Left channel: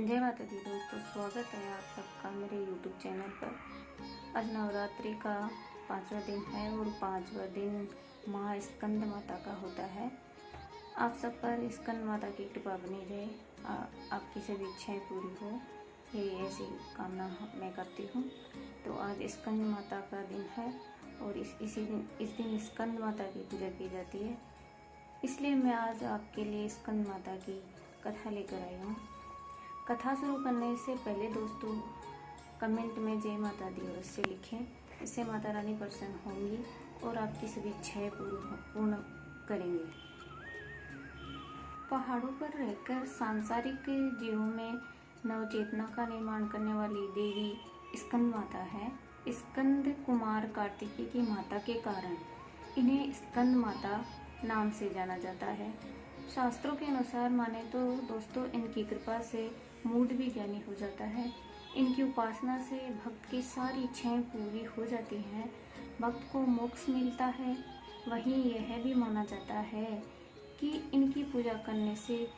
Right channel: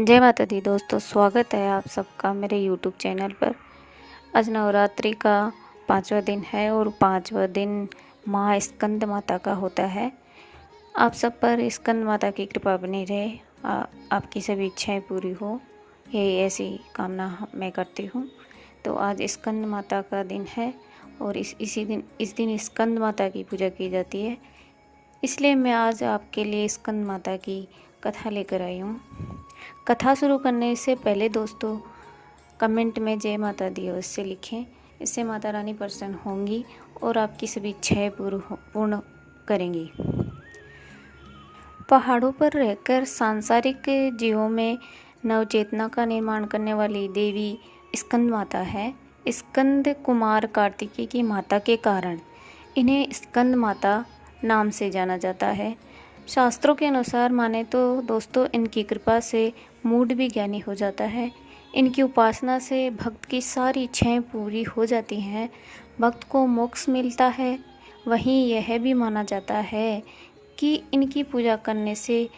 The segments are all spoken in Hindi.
जय माता दी दोस्तों, स्वागत है आप सबका मेरे यूट्यूब चैनल पर। आज नवरात्रि का 5वां दिन है और 5वां दिन माँ स्कंद माता का होता है। आप सब पर स्कंद माता की कृपा बनी रहे, आपकी सभी इच्छाएं पूरी हो, यही ऐसी कामना मैं करती हूँ। तो आज स्कंद माता का दिन है और इस दिन स्कंद माता की पूजा की जाती है। इसलिए मैं आज आपके लिए स्कंद माता की कथा लेकर आई हूँ। कथा शुरू करने से पहले दोस्तों कमेंट में जय माता दी अवश्य लिखें। इससे माता रानी प्रसन्न होंगी और आपकी सभी इच्छाएं पूर्ण करेंगी। पहाड़ों पर रहकर सांसारिक जीवों में नवचेतना का निर्माण करने वाली देवी स्कंद माता है। स्कंद कुमार कार्तिकेय की माता के कारण इन्हें स्कंद माता नाम से जाना जाता है। शास्त्रों के अनुसार माने तो दोस्तों इनकी कृपा से मूड भी ज्ञानी हो जाता है। इनकी उपासना से भक्त की सारी इच्छाएं पूरी हो जाती हैं, भक्त को मोक्ष मिलता है। वहीं यह भी माना जाता है कि इनकी पूजा करने से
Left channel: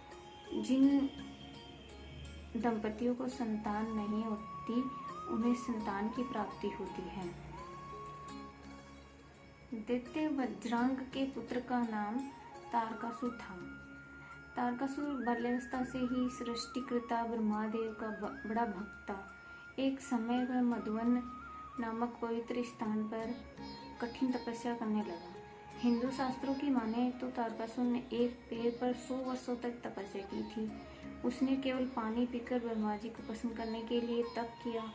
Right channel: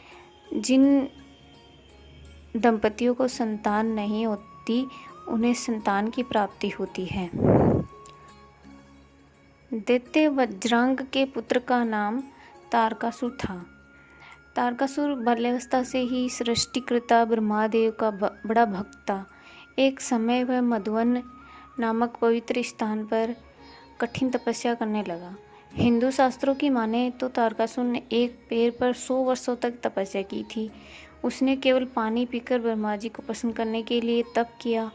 जिन दंपतियों को संतान नहीं होती उन्हें संतान की प्राप्ति होती है। दैत्य वज्रांग के पुत्र का नाम तारकासुर था। तारकासुर बाल्यावस्था से ही सृष्टिकर्ता ब्रह्मदेव का बड़ा भक्त था। एक समय वह मधुवन नामक पवित्र स्थान पर कठिन तपस्या करने लगा। हिंदू शास्त्रों की माने तो तारकासुर ने एक पेड़ पर 100 वर्षों तक तपस्या की थी। उसने केवल पानी पीकर ब्रह्मा जी को प्रसन्न करने के लिए तप किया।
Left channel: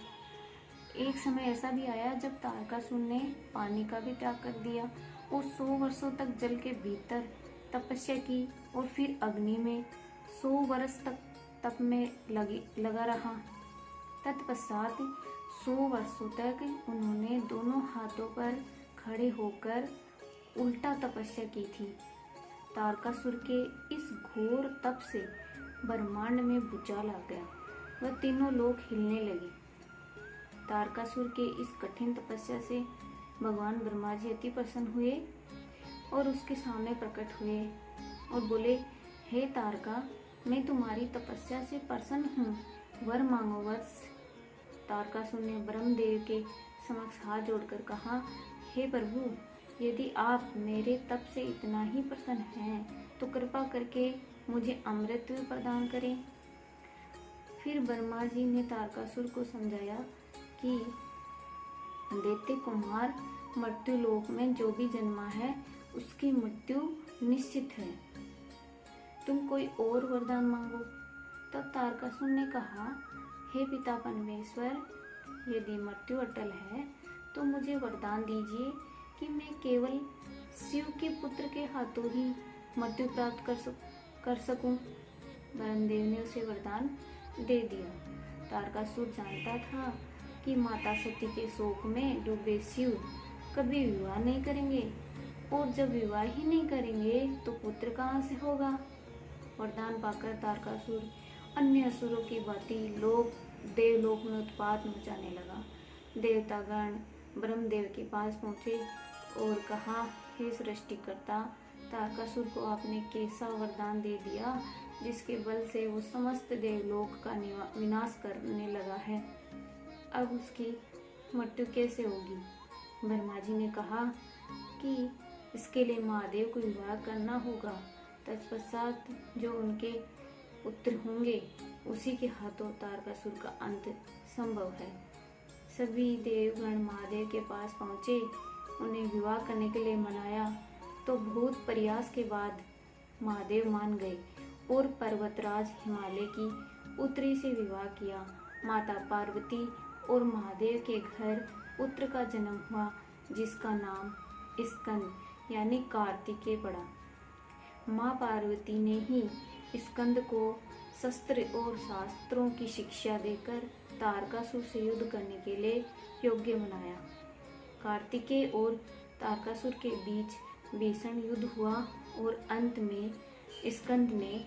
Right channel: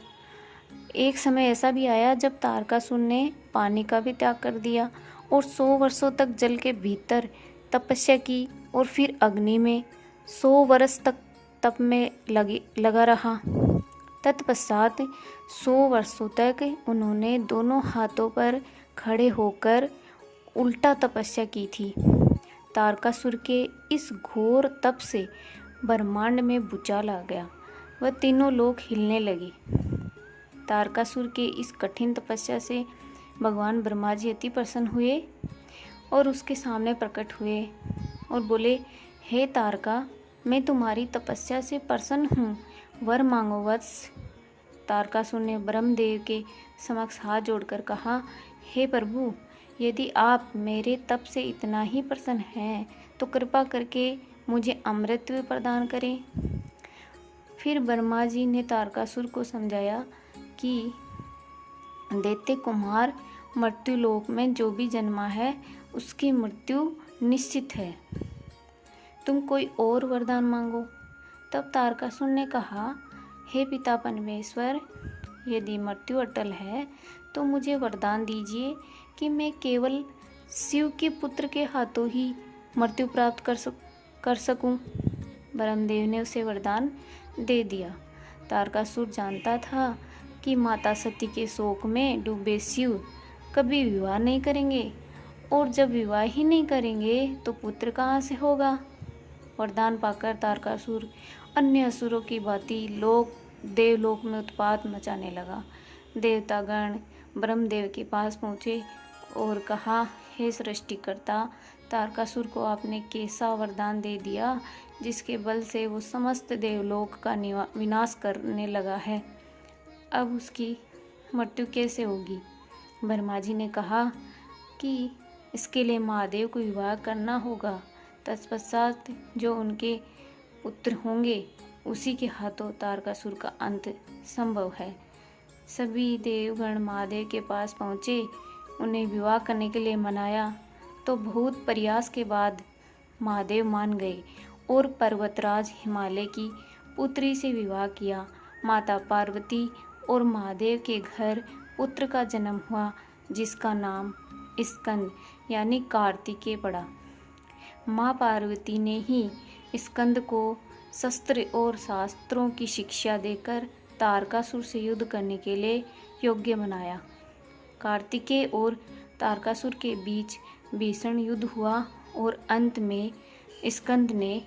एक समय ऐसा भी आया जब तारकासुर ने पानी का भी त्याग कर दिया और 100 वर्षों तक जल के भीतर तपस्या की और फिर अग्नि में 100 वर्ष तक तप में लगा रहा। तत्पश्चात 100 वर्षों तक उन्होंने दोनों हाथों पर खड़े होकर उल्टा तपस्या की थी। तारकासुर के इस घोर तप से ब्रह्मांड में भूचाल आ गया, वह तीनों लोक हिलने लगे। तारकासुर के इस कठिन तपस्या से भगवान ब्रह्मा जी अति प्रसन्न हुए और उसके सामने प्रकट हुए और बोले, हे तारका, मैं तुम्हारी तपस्या से प्रसन्न हूँ, वर मांगो वत्स। तारकासुर ने ब्रह्मदेव के समक्ष हाथ जोड़कर कहा, हे प्रभु, यदि आप मेरे तप से इतना ही प्रसन्न हैं तो कृपा करके मुझे अमृत प्रदान करें। फिर ब्रह्मा जी ने तारकासुर को समझाया कि दैत्य कुमार मृत्युलोक में जो भी जन्मा है उसकी मृत्यु निश्चित है, तुम कोई और वरदान मांगो। तब तारकासुर ने कहा, हे पिता परमेश्वर, यदि मृत्यु अटल है तो मुझे वरदान दीजिए कि मैं केवल शिव के पुत्र के हाथों ही मृत्यु प्राप्त कर सकूं। ब्रह्मदेव ने उसे वरदान दे दिया। तारकासुर जानता था कि माता सती के शोक में डूबे शिव कभी विवाह नहीं करेंगे और जब विवाह ही नहीं करेंगे तो पुत्र कहाँ से होगा। वरदान पाकर तारकासुर अन्य असुरों की भांति देवलोक में उत्पात मचाने लगा। देवतागण ब्रह्मदेव के पास पहुँचे और कहा, हे सृष्टिकर्ता, तारकासुर को आपने कैसा वरदान दे दिया जिसके बल से वो समस्त देवलोक का विनाश करने लगा है, अब उसकी मृत्यु कैसे होगी। ब्रह्मा जी ने कहा कि इसके लिए महादेव को विवाह करना होगा। तत्पश्चात जो उनके पुत्र होंगे उसी के हाथों तारकासुर का अंत संभव है। सभी देवगण महादेव के पास पहुँचे, उन्हें विवाह करने के लिए मनाया तो बहुत प्रयास के बाद महादेव मान गए और पर्वतराज हिमालय की पुत्री से विवाह किया। माता पार्वती और महादेव के घर पुत्र का जन्म हुआ जिसका नाम स्कंद यानी कार्तिकेय पड़ा। माँ पार्वती ने ही स्कंद को शस्त्र और शास्त्रों की शिक्षा देकर तारकासुर से युद्ध करने के लिए योग्य बनाया। कार्तिकेय और तारकासुर के बीच भीषण युद्ध हुआ और अंत में स्कंद ने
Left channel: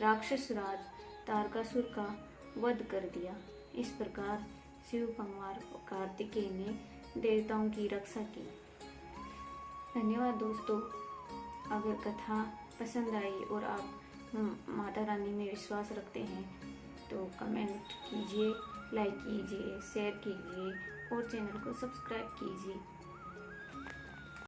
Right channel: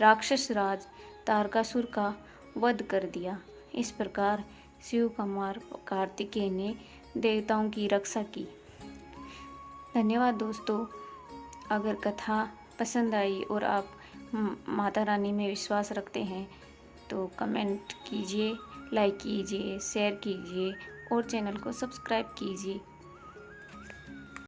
राक्षस राज तारकासुर का वध कर दिया। इस प्रकार शिव कुमार कार्तिकेय ने देवताओं की रक्षा की। धन्यवाद दोस्तों। अगर कथा पसंद आई और आप माता रानी में विश्वास रखते हैं तो कमेंट कीजिए, लाइक कीजिए, शेयर कीजिए और चैनल को सब्सक्राइब कीजिए।